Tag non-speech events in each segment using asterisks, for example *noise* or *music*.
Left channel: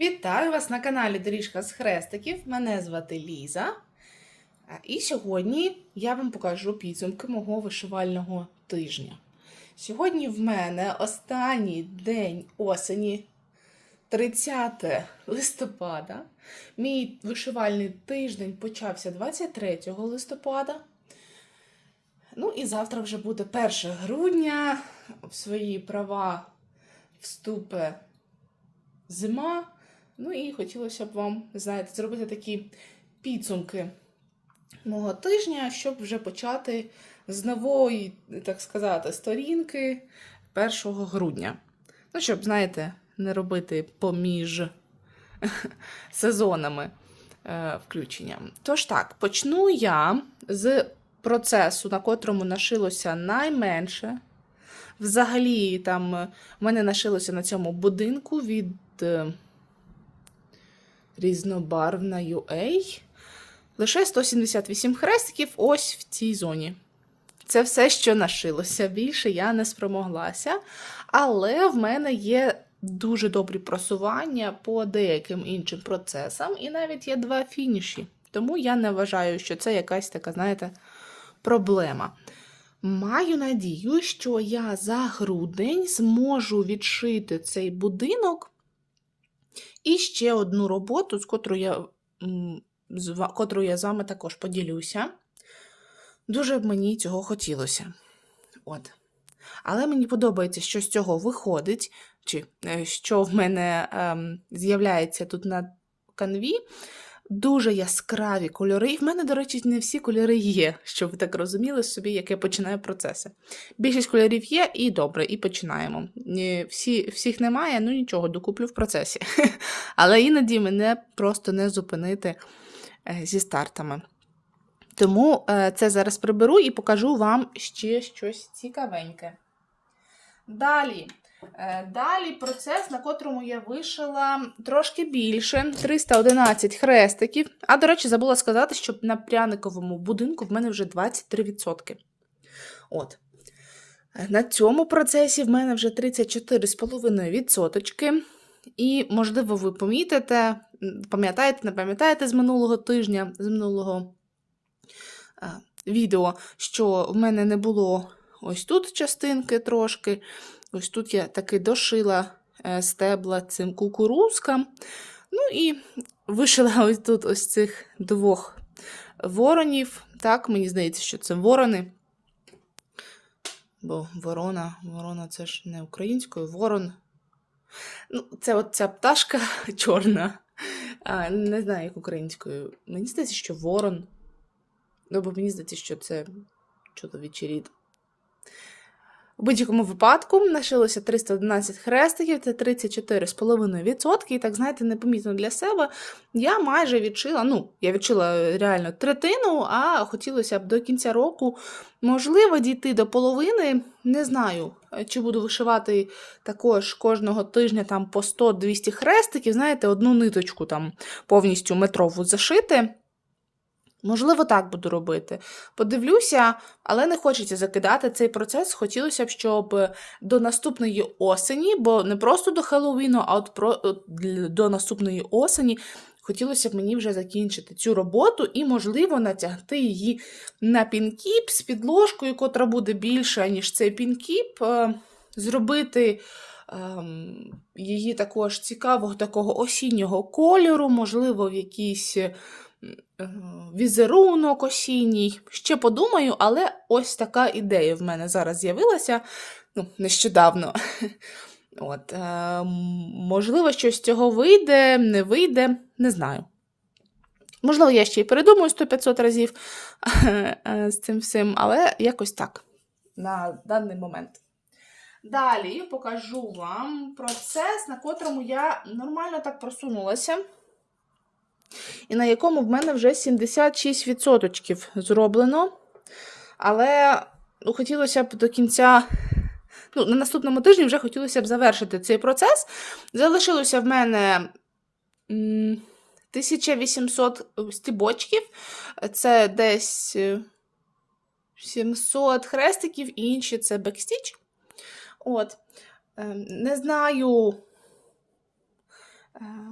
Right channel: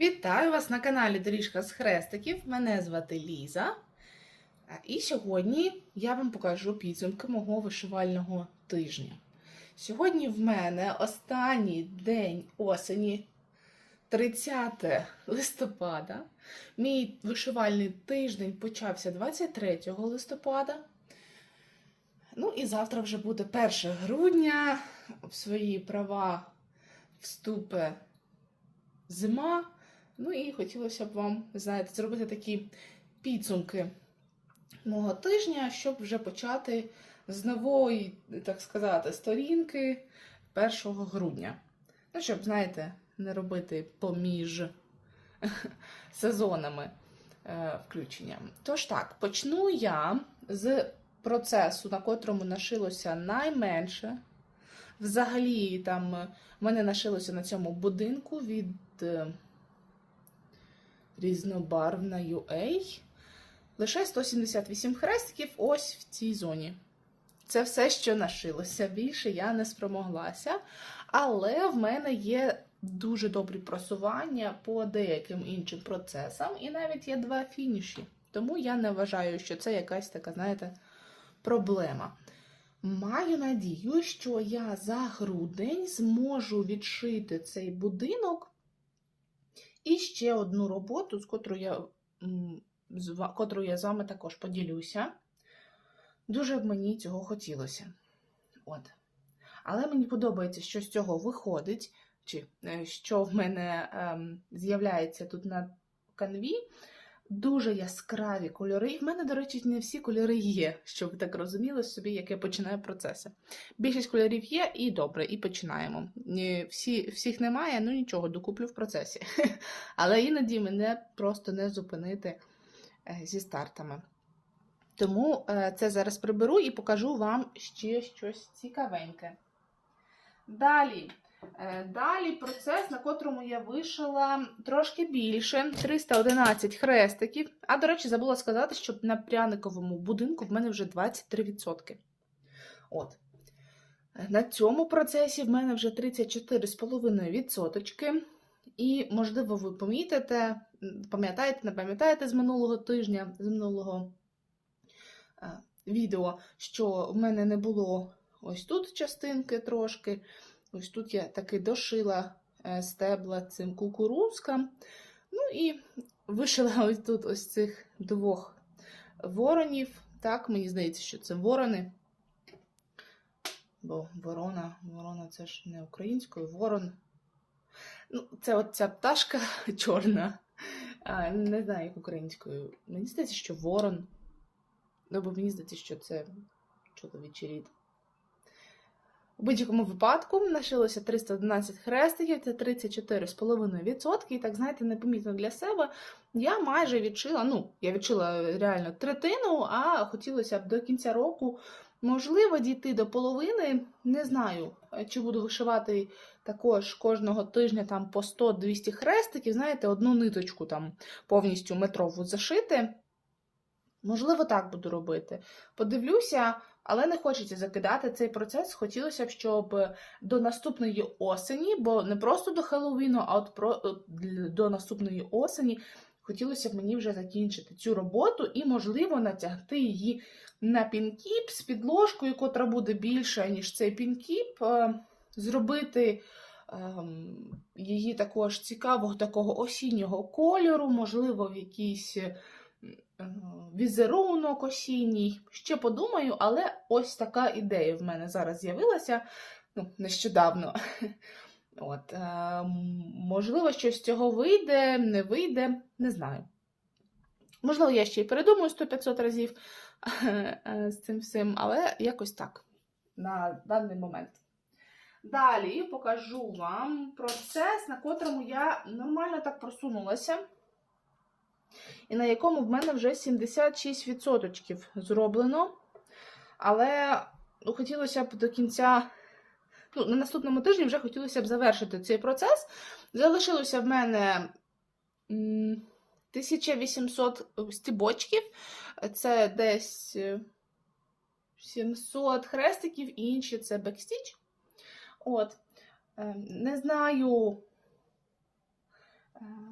Вітаю вас на каналі Доріжка з Хрестиків. Мене звати Ліза. І сьогодні я вам покажу підсумки мого вишивального тижня. Сьогодні в мене останній день осені, 30 листопада. Мій вишивальний тиждень почався 23 листопада. Ну і завтра вже буде 1 грудня. В свої права вступе зима. Ну і хотілося б вам, знаєте, зробити такі підсумки мого тижня, щоб вже почати з нової, так сказати, сторінки 1 грудня. Ну, щоб, знаєте, не робити поміж *laughs* сезонами е, включення. Тож так, почну я з процесу, на котрому нашилося найменше. Взагалі, там е, в мене нашилося на цьому будинку від е, різнобарвна UA. Лише 178 хрестиків ось в цій зоні. Це все, що нашилося. Більше я не спромоглася. Але в мене є дуже добрі просування по деяким іншим процесам, і навіть є два фініші. Тому я не вважаю, що це якась така, знаєте, проблема. Маю надію, що я за грудень зможу відшити цей будинок і ще одну роботу, з котрою я, з котрою я з вами також поділюся. Дуже б мені цього хотілося. От. Але мені подобається, що з цього виходить, чи е, що в мене ем, з'являється тут на канві. Дуже яскраві кольори. І в мене, до речі, не всі кольори є, щоб ви так розуміли собі, як я починаю процеси. Більшість кольорів є, і добре, і починаємо. Всі, всіх немає, ну нічого, докуплю в процесі. *laughs* Але іноді мене просто не зупинити е, зі стартами. Тому е, це зараз приберу і покажу вам ще щось цікавеньке. Далі. Е, Далі процес, на котрому я вишила трошки більше 311 хрестиків. А, до речі, забула сказати, що на пряниковому будинку в мене вже 23%. От. На цьому процесі в мене вже 34,5%. І, можливо, ви помітите, пам'ятаєте, не пам'ятаєте з минулого тижня, з минулого е, відео, що в мене не було ось тут частинки трошки. Ось тут я таки дошила е, стебла цим кукурузкам. Ну і вишила *laughs* ось тут ось цих двох воронів. Так, мені здається, що це ворони. Бо ворона, ворона це ж не українською, ворон. Ну, це от ця пташка *laughs* чорна. А, не знаю, як українською. Мені здається, що ворон. Ну, бо мені здається, що це чоловічий рід. У будь-якому випадку нашилося 311 хрестиків, це 34,5%. І так, знаєте, непомітно для себе. Я майже відшила, ну, я відшила реально третину, а хотілося б до кінця року, можливо, дійти до половини. Не знаю, чи буду вишивати також кожного тижня там по 100-200 хрестиків, знаєте, одну ниточку там повністю метрову зашити. Можливо, так буду робити. Подивлюся, але не хочеться закидати цей процес. Хотілося б, щоб до наступної осені, бо не просто до Хеллоуіну, а от про до наступної осені хотілося б мені вже закінчити цю роботу і, можливо, натягти її на пінкіп з підложкою, котра буде більша, ніж цей пінкіп. е, Зробити ем, її також цікавого такого осіннього кольору, можливо, в якійсь візерунок осінній. Ще подумаю, але ось така ідея в мене зараз з'явилася ну, нещодавно. *laughs* От, е, можливо, щось з цього вийде, не вийде, не знаю. Можливо, я ще й передумаю 100-500 разів *laughs* е, з цим всім, але якось так на даний момент. Далі покажу вам процес, на котрому я нормально так просунулася і на якому в мене вже 76% зроблено. Але ну, хотілося б до кінця, ну, на наступному тижні вже хотілося б завершити цей процес. Залишилося в мене м, 1800 стібочків, це десь е, 700 хрестиків, і інші це бекстіч. От. Ем, Не знаю, Е,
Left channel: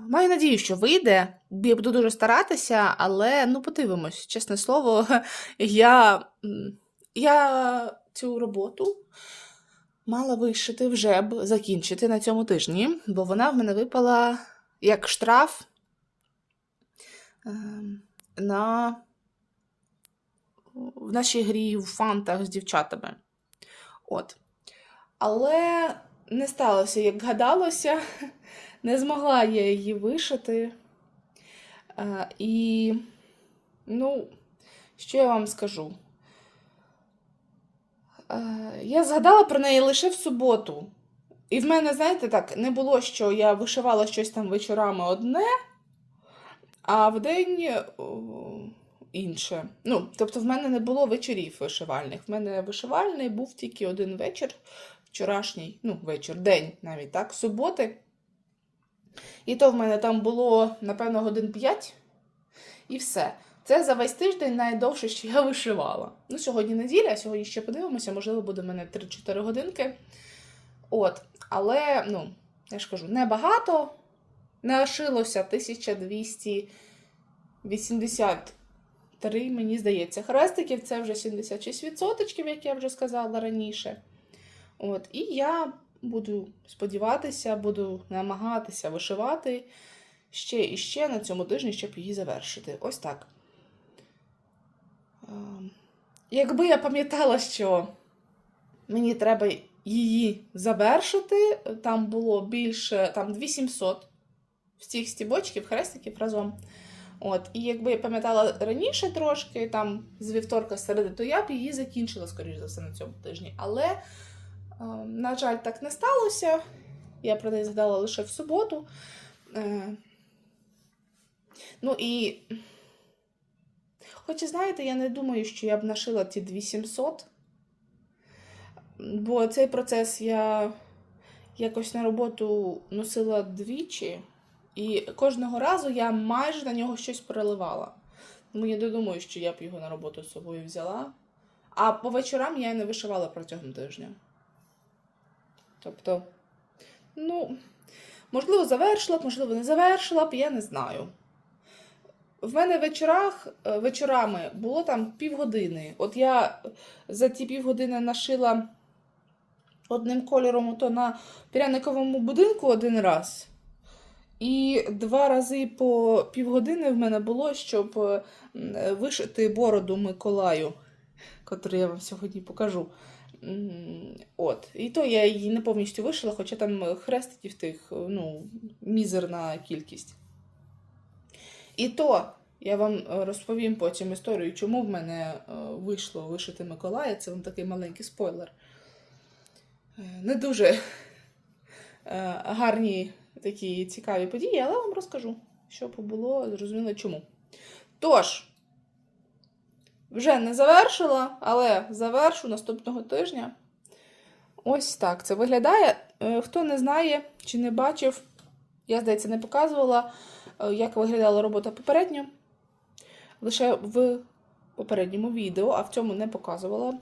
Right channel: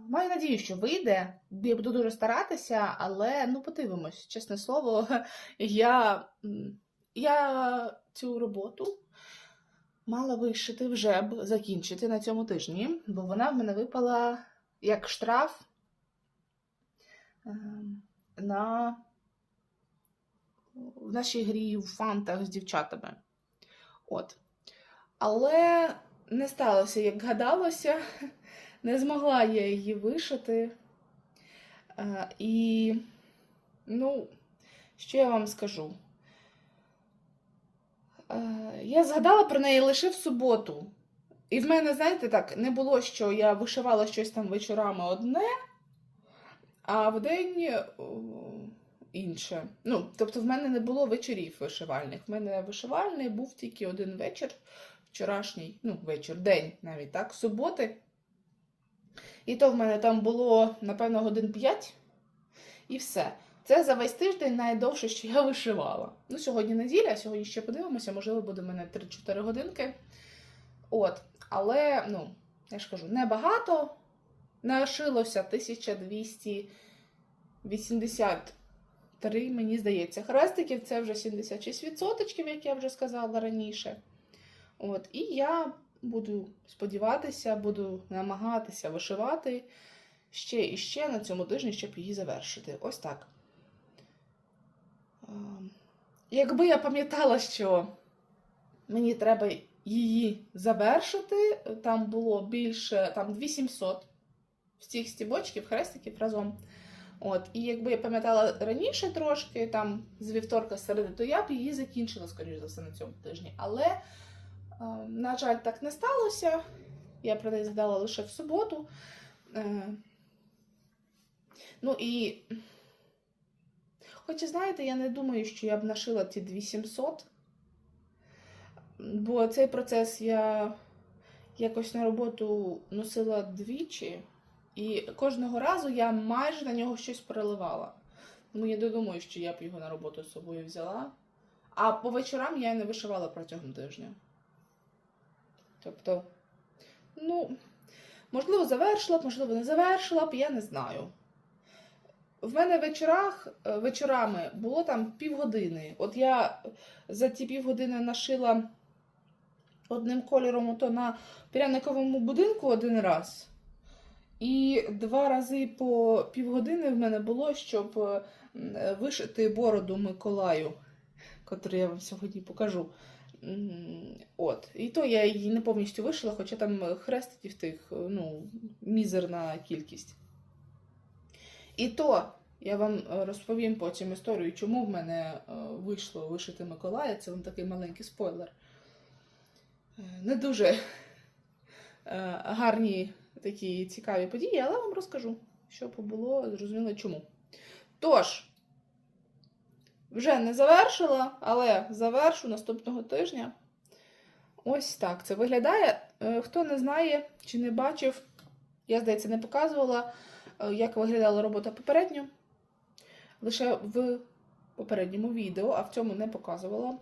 Маю надію, що вийде. Я буду дуже старатися, але ну подивимось, чесне слово, *laughs* я, я цю роботу мала вишити вже б закінчити на цьому тижні, бо вона в мене випала як штраф ем, на в нашій грі в фантах з дівчатами. От. Але не сталося, як гадалося. *laughs* Не змогла я її вишити. Е, і, ну, що я вам скажу? Е, я згадала про неї лише в суботу. І в мене, знаєте, так, не було, що я вишивала щось там вечорами одне, а в день о, інше. Ну, тобто, в мене не було вечорів вишивальних. В мене вишивальний був тільки один вечір, вчорашній, ну, вечір, день навіть так, суботи. І то в мене там було, напевно, годин 5 і все. Це за весь тиждень найдовше, що я вишивала. Ну, сьогодні неділя, сьогодні ще подивимося, можливо, буде в мене 3-4 годинки. От. Але, ну, я ж кажу, небагато. Не лишилося 1283, мені здається, хрестиків. Це вже 76%, як я вже сказала раніше. От. І я буду сподіватися, буду намагатися вишивати ще і ще на цьому тижні, щоб її завершити. Ось так. Ем, Якби я пам'ятала, що мені треба її завершити, там було більше там 2700 всіх стібочків, хрестиків разом. От, і якби я пам'ятала раніше трошки, там з вівторка середи, то я б її закінчила, скоріш за все, на цьому тижні. Але, е, на жаль, так не сталося. Я про неї згадала лише в суботу. Е, ну і, хоч знаєте, я не думаю, що я б нашила ті 2700. Бо цей процес я якось на роботу носила двічі, і кожного разу я майже на нього щось переливала. Тому я не думаю, що я б його на роботу з собою взяла. А по вечорам я не вишивала протягом тижня. Тобто, ну, можливо, завершила б, можливо, не завершила б, я не знаю. В мене вечорах, е, вечорами було там півгодини. От я за ті півгодини нашила одним кольором то на пряниковому будинку один раз. І два рази по півгодини в мене було, щоб вишити бороду Миколаю, котру я вам сьогодні покажу. От. І то я її не повністю вишила, хоча там хрестиків тих ну, мізерна кількість. І то я вам розповім потім історію, чому в мене е, вийшло вишити Миколая. Це вам такий маленький спойлер. Е, Не дуже е, гарні такі цікаві події, але вам розкажу, що було, зрозуміло чому. Тож, вже не завершила, але завершу наступного тижня. Ось так це виглядає. Е, Хто не знає чи не бачив, я, здається, не показувала, е, як виглядала робота попередньо. Лише в попередньому відео, а в цьому не показувала,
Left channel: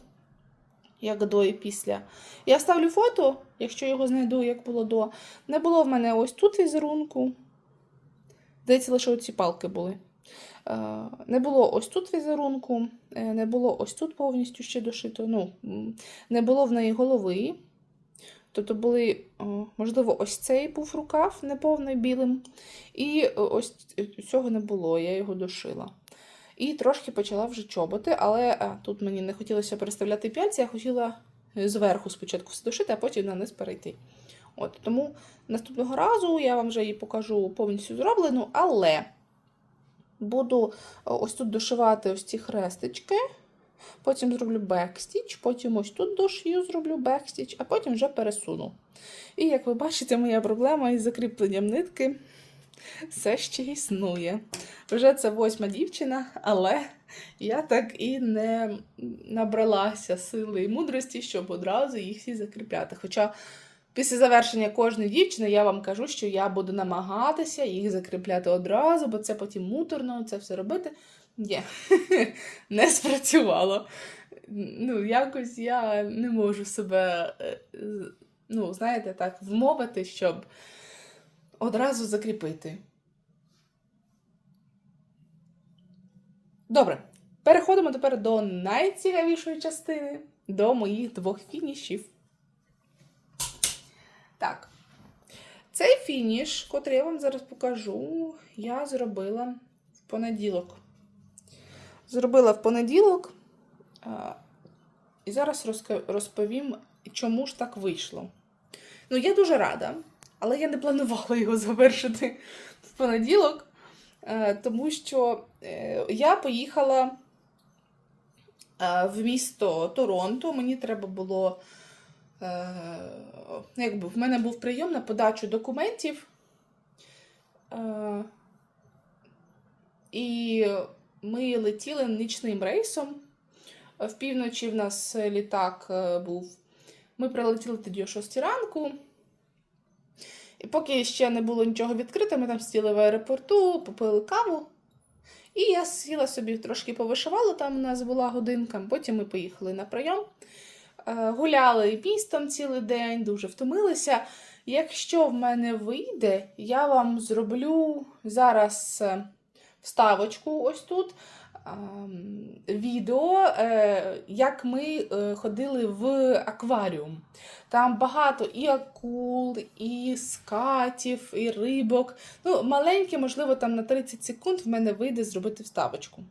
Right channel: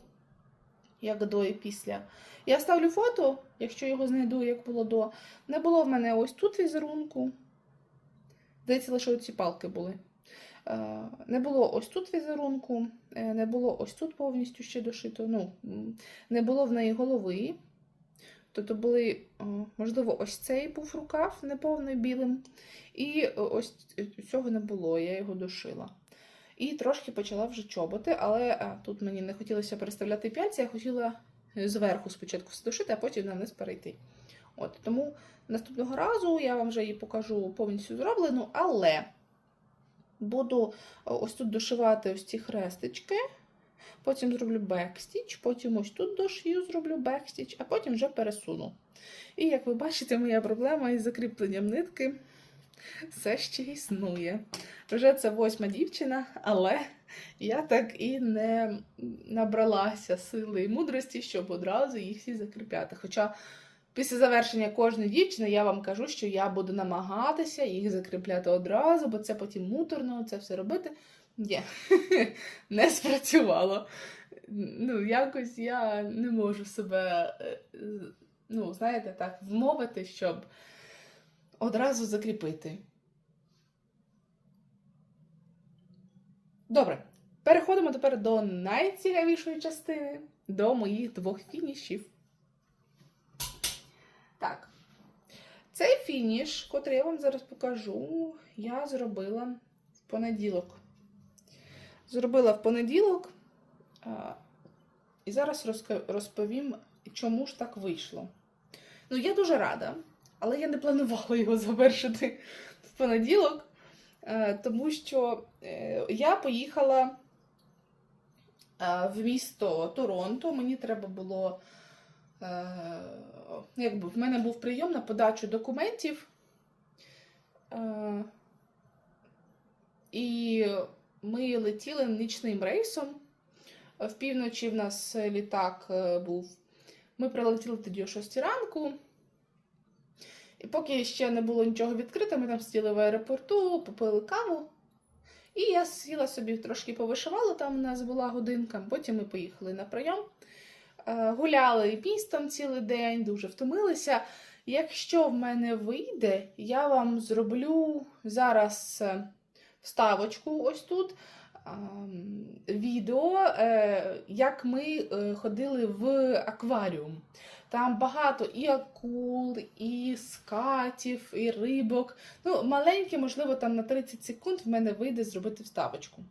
як до і після. Я ставлю фото, якщо його знайду, як було до. Не було в мене ось тут візерунку. Здається, лише оці палки були. Е, Не було ось тут візерунку, е, не було ось тут повністю ще дошито. Ну, не було в неї голови. Тобто були, можливо, ось цей був рукав неповний білим. І е, ось цього не було, я його дошила. І трошки почала вже чоботи, але тут мені не хотілося переставляти п'яльці, я хотіла зверху спочатку все дошити, а потім на низ перейти. От, тому наступного разу я вам вже її покажу повністю зроблену, але буду ось тут дошивати ось ці хрестички. Потім зроблю бекстіч, потім ось тут дошию, зроблю бекстіч, а потім вже пересуну. І як ви бачите, моя проблема із закріпленням нитки все ще існує. Вже це восьма дівчина, але я так і не набралася сили і мудрості, щоб одразу їх всі закріпляти. Хоча після завершення кожної дівчини я вам кажу, що я буду намагатися їх закріпляти одразу, бо це потім муторно, це все робити. Ні, *laughs* не спрацювало. Ну, якось я не можу себе, е, ну, знаєте, так, вмовити, щоб одразу закріпити. Добре, переходимо тепер до найцікавішої частини до моїх двох фінішів. Так. Цей фініш, котрий я вам зараз покажу, я зробила в понеділок. Зробила в понеділок. І зараз розповім, чому ж так вийшло. Ну, я дуже рада, але я не планувала його завершити в понеділок, е, тому що е, я поїхала е, в місто Торонто. Мені треба було. Е, Якби в мене був прийом на подачу документів. Е, І ми летіли нічним рейсом. В півночі в нас літак е, був. Ми прилетіли тоді о 6 ранку. І поки ще не було нічого відкрито, ми там сиділи в аеропорту, попили каву. І я сіла собі трошки повишивала, там у нас була годинка. Потім ми поїхали на прийом. Е, Гуляли містом цілий день, дуже втомилися. Якщо в мене вийде, я вам зроблю зараз е, вставочку ось тут. Відео, е, як ми ходили в акваріум. Там багато і акул, і скатів, і рибок. Ну, маленьке, можливо, там на 30 секунд в мене вийде зробити вставочку.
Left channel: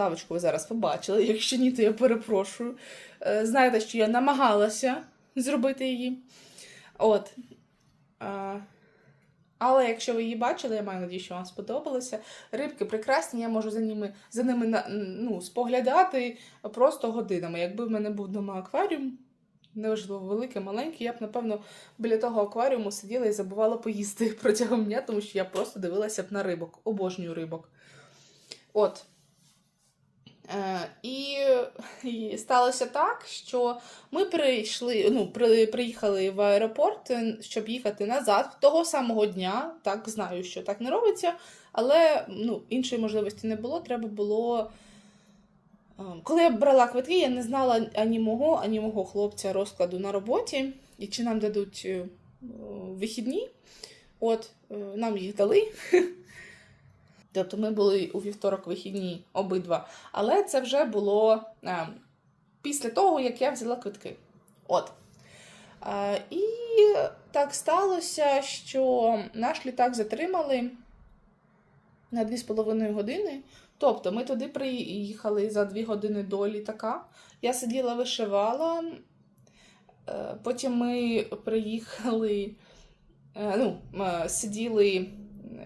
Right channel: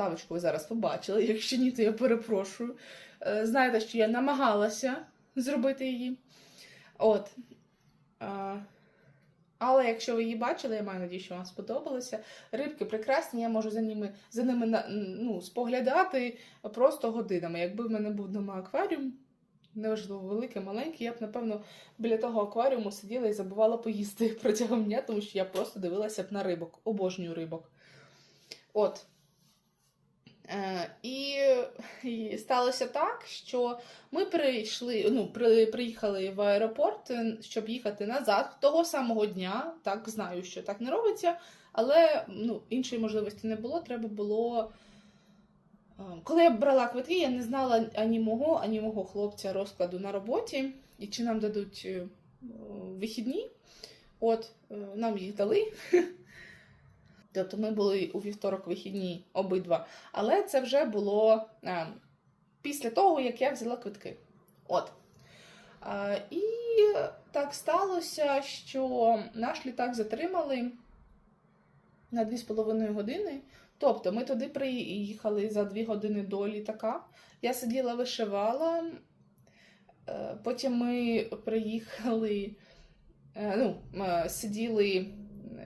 Вставочку ви зараз побачили. Якщо ні, то я перепрошую. Е, Знаєте, що я намагалася зробити її. От. Але якщо ви її бачили, я маю надію, що вам сподобалося. Рибки прекрасні, я можу за ними, за ними ну, споглядати просто годинами. Якби в мене був вдома акваріум, неважливо, великий, маленький, я б, напевно, біля того акваріуму сиділа і забувала поїсти *laughs* протягом дня, тому що я просто дивилася б на рибок, обожнюю рибок. От. Е, і, і сталося так, що ми прийшли, ну, при, приїхали в аеропорт, е, щоб їхати назад того самого дня. Так, знаю, що так не робиться, але ну, іншої можливості не було. Треба було. е, Коли я брала квитки, я не знала ані мого, ані мого хлопця розкладу на роботі, і чи нам дадуть вихідні. От, нам їх дали. *laughs* Тобто ми були у вівторок вихідні обидва. Але це вже було е, після того, як я взяла квитки. От. Е, і так сталося, що наш літак затримали на 2,5 години. Тобто ми туди приїхали за 2 години до літака. Я сиділа, вишивала. Е, Потім ми приїхали, е, ну, е, сиділи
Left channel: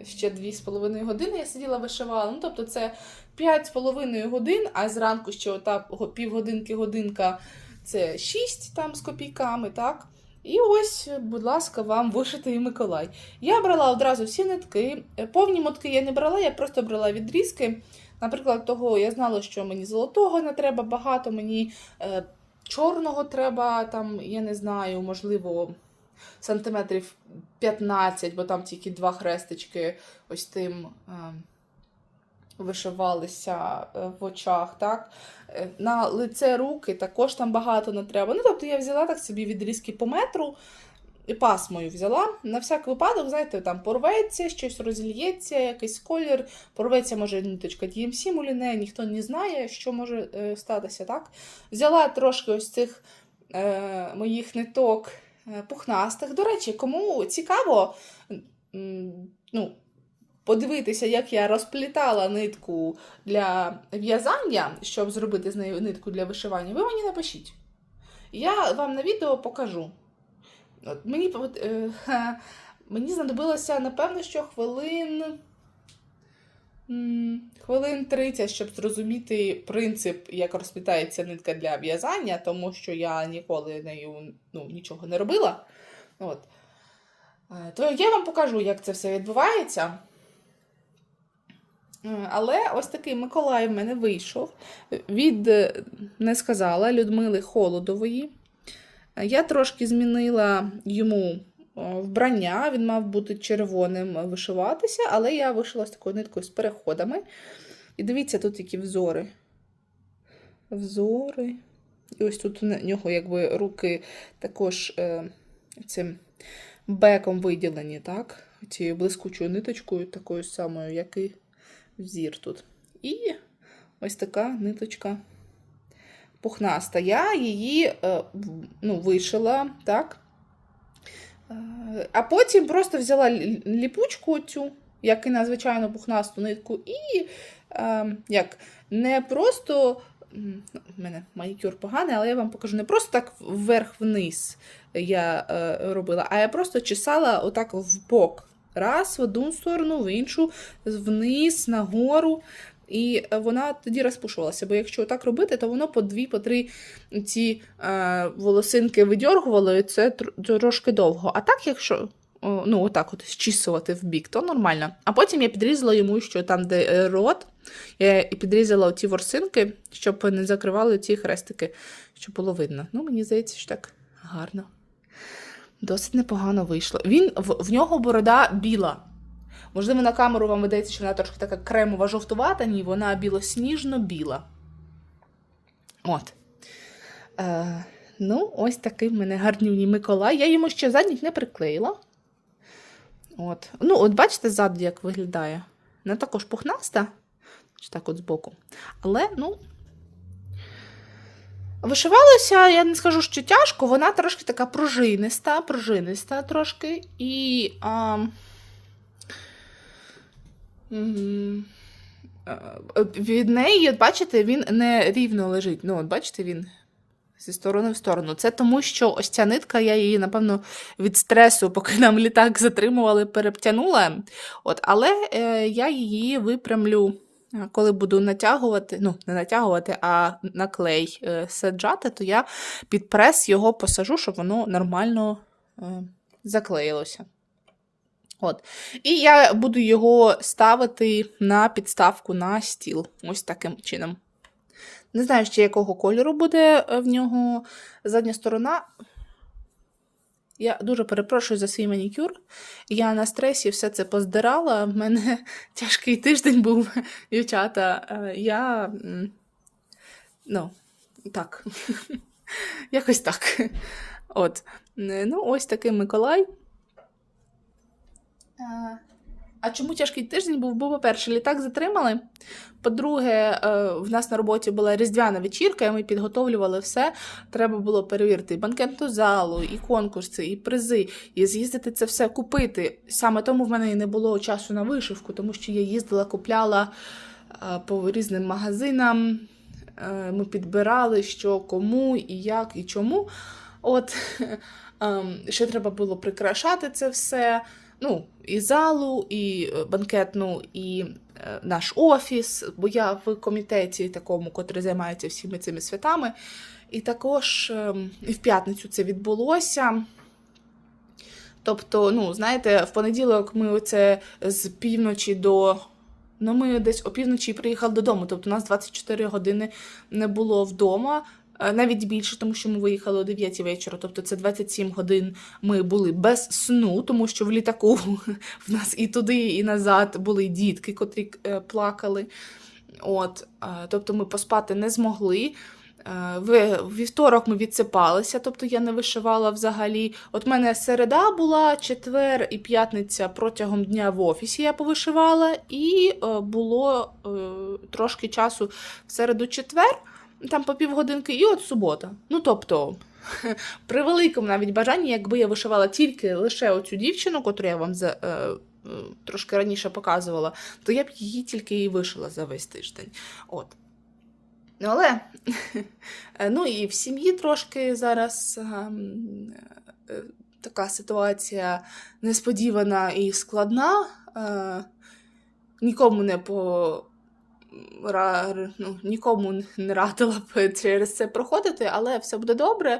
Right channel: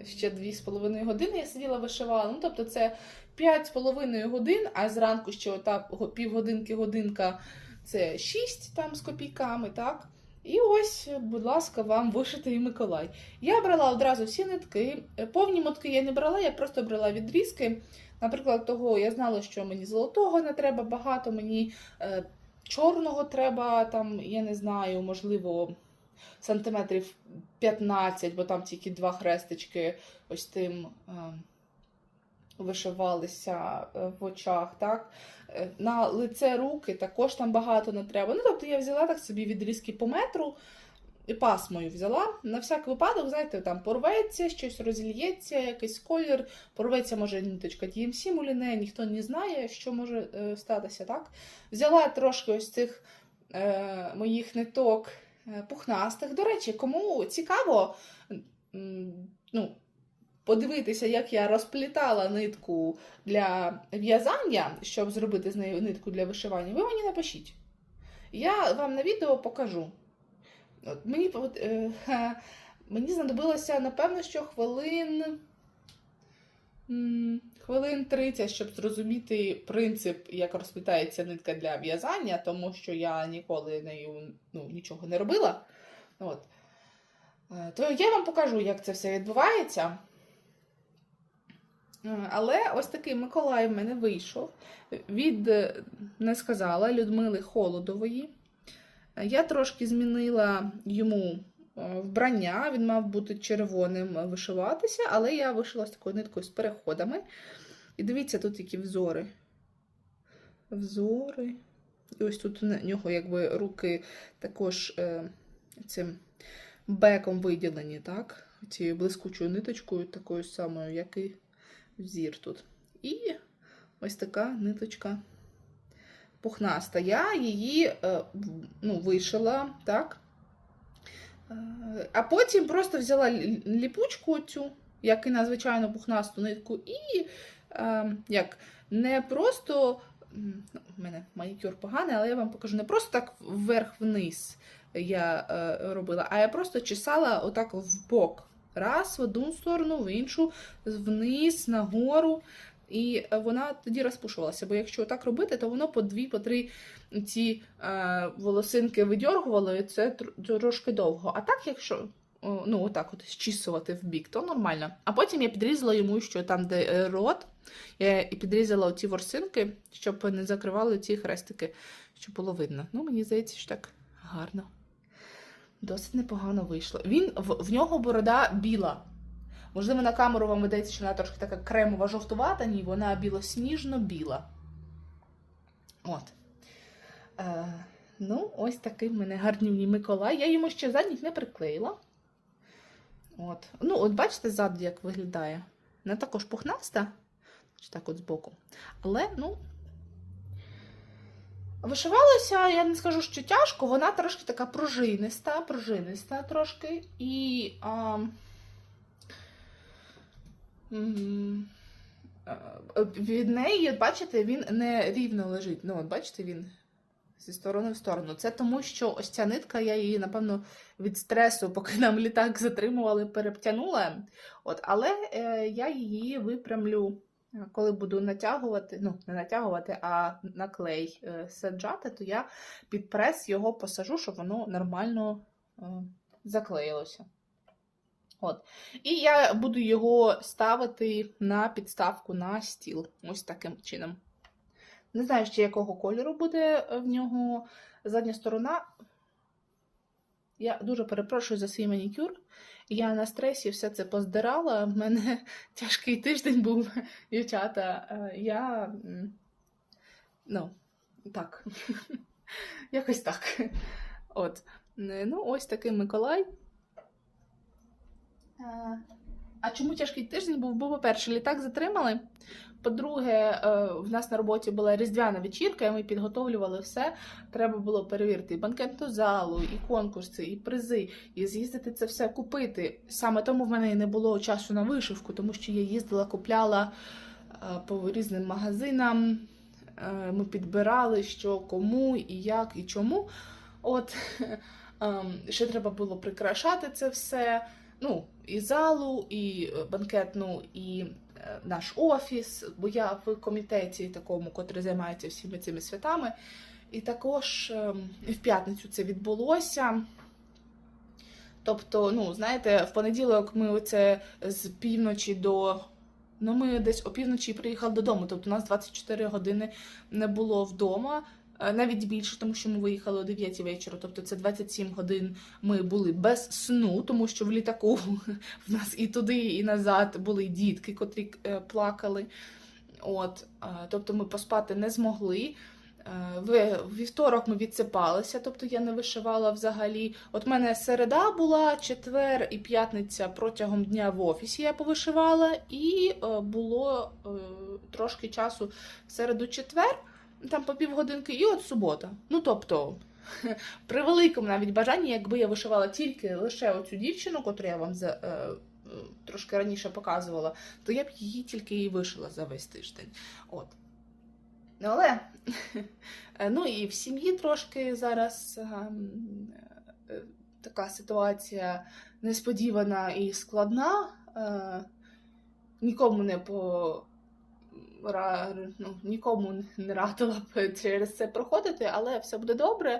ще 2,5 години, я сиділа, вишивала. Ну, тобто це 5,5 годин, а зранку ще ота півгодинки, годинка це 6 там з копійками, так? І ось, будь ласка, вам вишитий Миколай. Я брала одразу всі нитки. Повні мотки я не брала, я просто брала відрізки. Наприклад, того я знала, що мені золотого не треба багато, мені е, чорного треба, там, я не знаю, можливо, сантиметрів 15, бо там тільки два хрестички ось тим е, вишивалися е, в очах. так. Е, На лице руки також там багато не треба. Ну, тобто я взяла так собі відрізки по метру. І пасмою взяла. На всяк випадок, знаєте, там порветься, щось розільється, якийсь колір, порветься, може, ниточка DMC муліне, ніхто не знає, що може е, статися, так? Взяла трошки ось цих е, моїх ниток пухнастих. До речі, кому цікаво, ну, подивитися, як я розплітала нитку для в'язання, щоб зробити з нею нитку для вишивання, ви мені напишіть. Я вам на відео покажу. Мені, е, *laughs* мені знадобилося, напевно, що хвилин. Хвилин 30, щоб зрозуміти принцип, як розплітається нитка для в'язання, тому що я ніколи нею ну, нічого не робила. От. Е, То я вам покажу, як це все відбувається. Е, Але ось такий Миколай в мене вийшов від, е, не сказала, Людмили Холодової. Я трошки змінила йому вбрання, він мав бути червоним е, вишиватися, але я вишила з такою ниткою з переходами. І дивіться, тут які взори. Взори. І ось тут у нього якби руки також е, цим беком виділені, так? Цією блискучою ниточкою, такою самою, як і взір тут. І ось така ниточка пухнаста. Я її е, ну, вишила, так? А потім просто взяла ліпучку цю, як і на звичайну пухнасту нитку, і е, як не просто. м, ну, мене манікюр поганий, але я вам покажу не просто так вверх-вниз я е, робила, а я просто чесала отак в бок. Раз в одну сторону, в іншу, вниз, нагору. І е, вона тоді розпушувалася. Бо якщо так робити, то воно по дві, по три ці е, волосинки видьоргувало, і це трошки довго. А так, якщо ну, отак от щісувати в бік, то нормально. А потім я підрізала йому, що там, де е, рот, я і підрізала оці ворсинки, щоб не закривали ці хрестики, щоб було видно. Ну, мені здається, що так гарно. Досить непогано вийшло. Він в, в нього борода біла. Можливо, на камеру вам видається, що вона трошки така кремова жовтувата, ні, вона білосніжно-біла. От. Е, ну, ось такий в мене гарнівний Миколай. Я йому ще задніх не приклеїла. От. Ну, от бачите, ззаду, як виглядає. Вона також пухнаста. Чи так от збоку. Але, ну. Вишивалася, я не скажу, що тяжко, вона трошки така пружиниста, пружиниста трошки. І. А, е, від неї, от бачите, він не рівно лежить. Ну, от бачите, він зі сторони в сторону. Це тому, що ось ця нитка, я її, напевно, від стресу, поки нам літак затримували, перептянула. От, але е, я її випрямлю, коли буду натягувати, ну, не натягувати, а на клей е, саджати, то я під прес його посажу, щоб воно нормально е, заклеїлося. От. І я буду його ставити на підставку на стіл. Ось таким чином. Не знаю, ще якого кольору буде е, в нього задня сторона. Я дуже перепрошую за свій манікюр. Я на стресі все це поздирала. В мене *laughs* тяжкий тиждень був, *laughs* дівчата. Е, Я. Ну, так. *laughs* Якось так. От. Е, Ну, ось такий Миколай. Е, А чому тяжкий тиждень був? Бо, по-перше, літак затримали. По-друге, е, в нас на роботі була різдвяна вечірка, і ми підготовлювали все. Треба було перевірити і банкетну залу, і конкурси, і призи, і з'їздити це все купити. Саме тому в мене і не було часу на вишивку, тому що я їздила, купляла е, по різним магазинам. Ми підбирали, що кому, і як, і чому. От *laughs* ем, ще треба було прикрашати це все. Ну, і залу, і е, банкетну, і е, наш офіс, бо я в комітеті такому, котрий займається всіми цими святами. І також ем, і в п'ятницю це відбулося. Тобто, ну, знаєте, в понеділок ми оце з півночі до. Ну, ми десь опівночі приїхали додому. Тобто, у нас 24 години не було вдома. Е, Навіть більше, тому що ми виїхали о 9 вечора, тобто це 27 годин ми були без сну, тому що в літаку *laughs* в нас і туди, і назад були дітки, котрі е, плакали. От, е, тобто ми поспати не змогли. В вівторок ми відсипалися, тобто я не вишивала взагалі. От мене середа була, четвер і п'ятниця протягом дня в офісі я повишивала, і було трошки часу в середу-четвер, там по півгодинки, і от субота. Ну тобто, *laughs* при великому навіть бажанні, якби я вишивала тільки лише оцю дівчину, котру я вам за, е, е, трошки раніше показувала, то я б її тільки і вишила за весь тиждень. От. Ну, але е, *laughs* ну і в сім'ї трошки зараз ем, е, така ситуація несподівана і складна. Е, Нікому не по ну, нікому не радила б через це проходити, але все буде добре.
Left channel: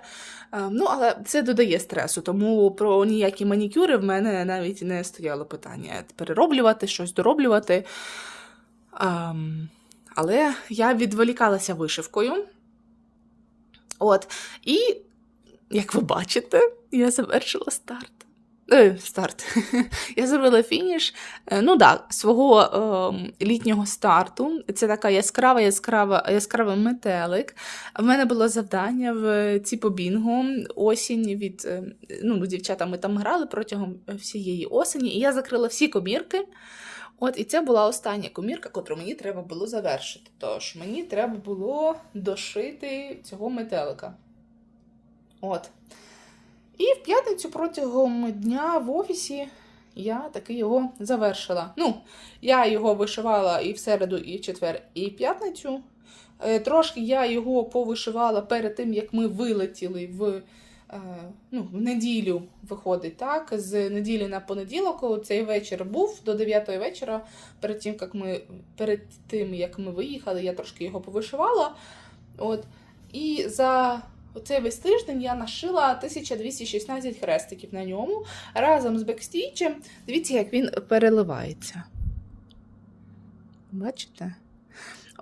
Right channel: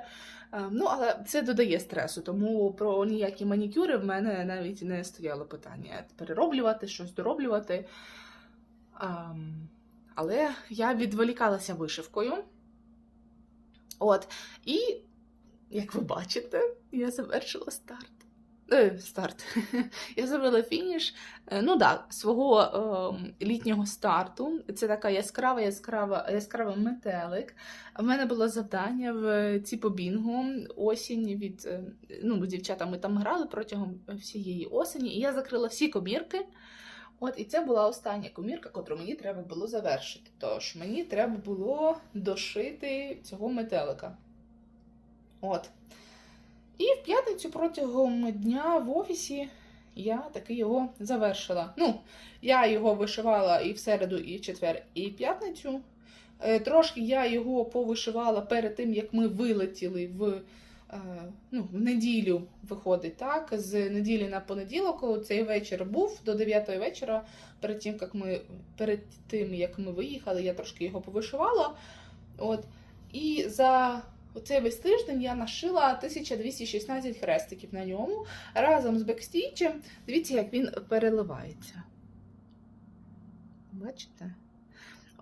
Е, Ну, але це додає стресу, тому про ніякі манікюри в мене навіть не стояло питання перероблювати, щось дороблювати. Ем, але я відволікалася вишивкою. От. І, як ви бачите, я завершила старт. Е, старт. *laughs* я зробила фініш. Е, ну так, свого е, літнього старту. Це така яскрава, яскрава, яскравий метелик. В мене було завдання в Ціпобінгу осінь від е, ну, дівчата ми там грали протягом всієї осені, і я закрила всі комірки. От, і це була остання комірка, котру мені треба було завершити. Тож мені треба було дошити цього метелика. От. І в п'ятницю протягом дня в офісі я таки його завершила. Ну, я його вишивала і в середу, і в четвер, і в п'ятницю. Е, Трошки я його повишивала перед тим, як ми вилетіли в, е, ну, в неділю, виходить, так? З неділі на понеділок цей вечір був до 9 вечора. Перед тим, як ми, перед тим, як ми виїхали, я трошки його повишивала. От. І за оцей весь тиждень я нашила 1216 хрестиків на ньому разом з бекстічем. Дивіться, як він переливається. Бачите?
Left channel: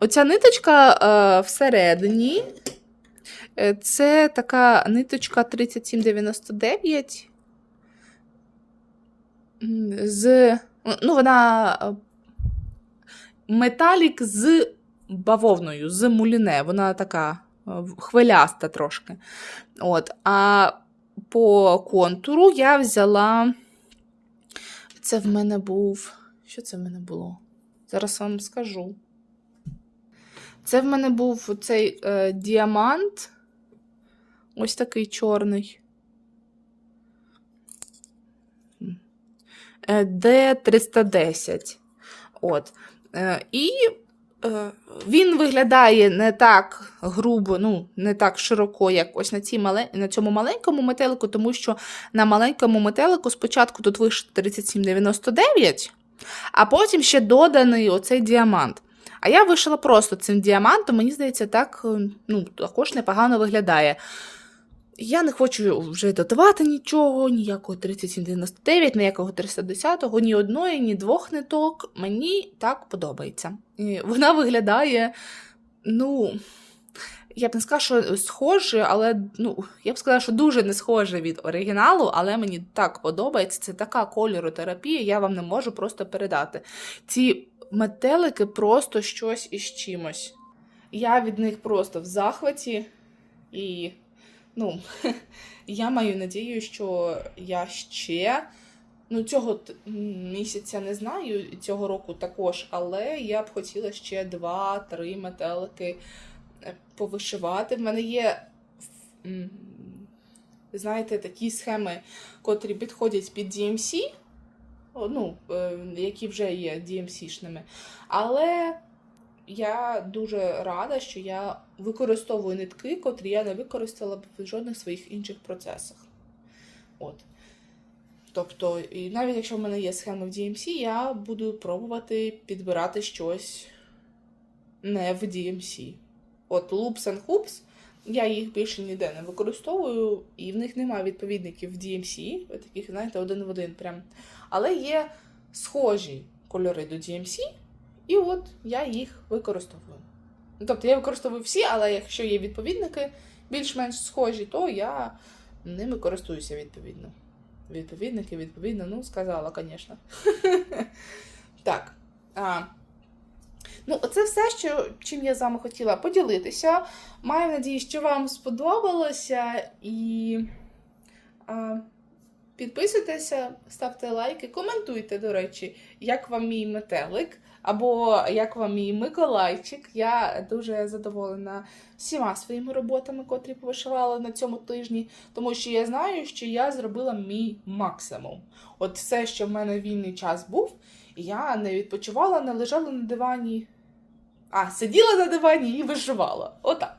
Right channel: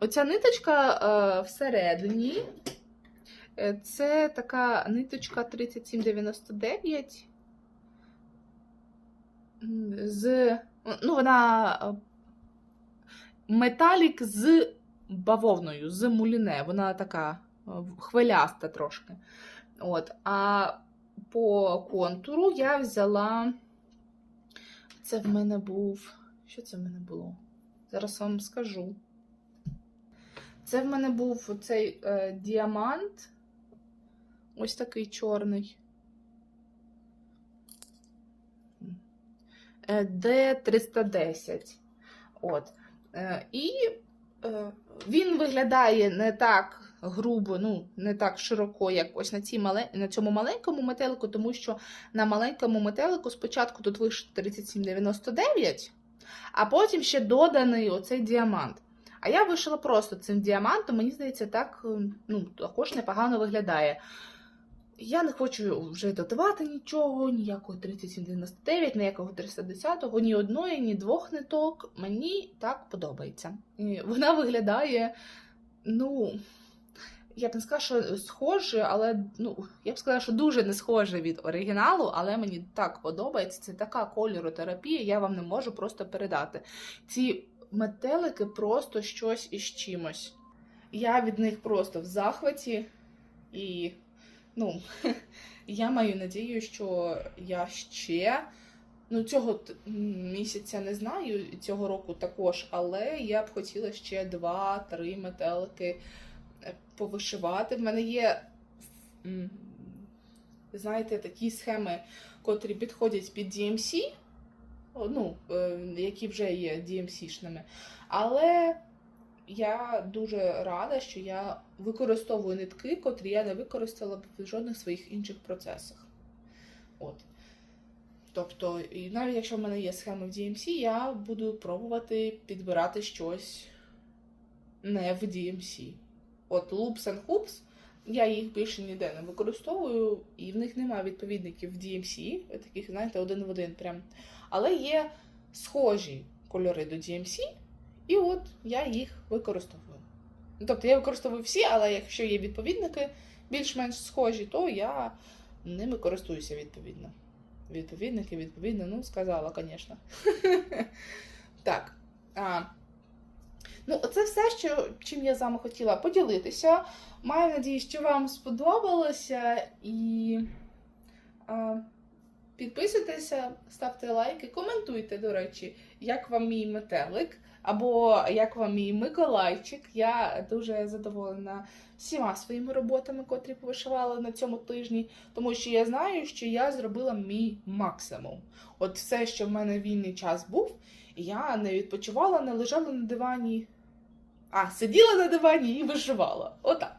Оця ниточка е, всередині. е, Це така ниточка 3799. З, ну, вона е, металік з бавовною, з муліне. Вона така хвиляста трошки. От. А по контуру я взяла. Це в мене був. Що це в мене було? Зараз вам скажу. Це в мене був цей е, діамант. Ось такий чорний. Е, Д310. От. Е, і він виглядає не так грубо, ну, не так широко, як ось на, цій мале... на цьому маленькому метелику, тому що на маленькому метелику спочатку тут вийшло 3799, а потім ще доданий оцей діамант. А я вишила просто цим діамантом, мені здається, так е, ну, також непогано виглядає. Я не хочу вже додавати нічого, ніякого 3799, ніякого 310, ні одної, ні двох ниток. Мені так подобається. І вона виглядає, ну, я б не сказала, що схоже, але ну, я б сказала, що дуже не схоже від оригіналу, але мені так подобається. Це така кольоротерапія, я вам не можу просто передати. Ці метелики просто щось із чимось. Я від них просто в захваті. І ну, *laughs* я маю надію, що я ще Ну, цього місяця не знаю, цього року також, але я б хотіла ще два-три метелики е, повишивати. В мене є, знаєте, такі схеми, котрі підходять під DMC, ну, е, які вже є DMC-шними. Але я дуже рада, що я використовую нитки, котрі я не використала б в жодних своїх інших процесах. От. Тобто, і навіть якщо в мене є схеми в DMC, я буду пробувати підбирати щось не в DMC. От Loops and Hoops, я їх більше ніде не використовую, і в них немає відповідників в DMC, таких, знаєте, один в один прям. Але є схожі кольори до DMC, і от я їх використовую. Тобто я використовую всі, але якщо є відповідники більш-менш схожі, то я ними користуюся відповідно. Відповідники, відповідно, ну, сказала, звісно. *laughs* так. Ну, це все, що, чим я з вами хотіла поділитися. Маю надію, що вам сподобалося і. А, Підписуйтеся, ставте лайки, коментуйте, до речі, як вам мій метелик, або як вам мій Миколайчик. Я дуже задоволена всіма своїми роботами, котрі повишивала на цьому тижні, тому що я знаю, що я зробила мій максимум. От все, що в мене вільний час був, я не відпочивала, не лежала на дивані, а сиділа на дивані і вишивала. Отак.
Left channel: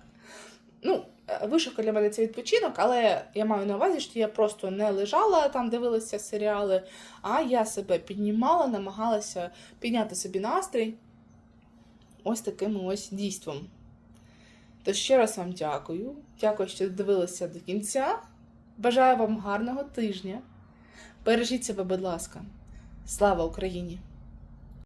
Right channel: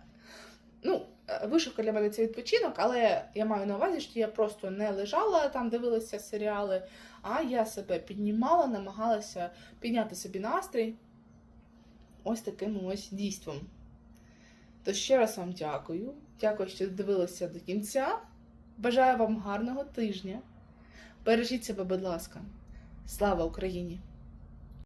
Ну, вишивка для мене це відпочинок, але я маю на увазі, що я просто не лежала там, дивилася серіали, а я себе піднімала, намагалася підняти собі настрій ось таким ось дійством. То ще раз вам дякую. Дякую, що дивилися до кінця. Бажаю вам гарного тижня. Бережіть себе, будь ласка. Слава Україні!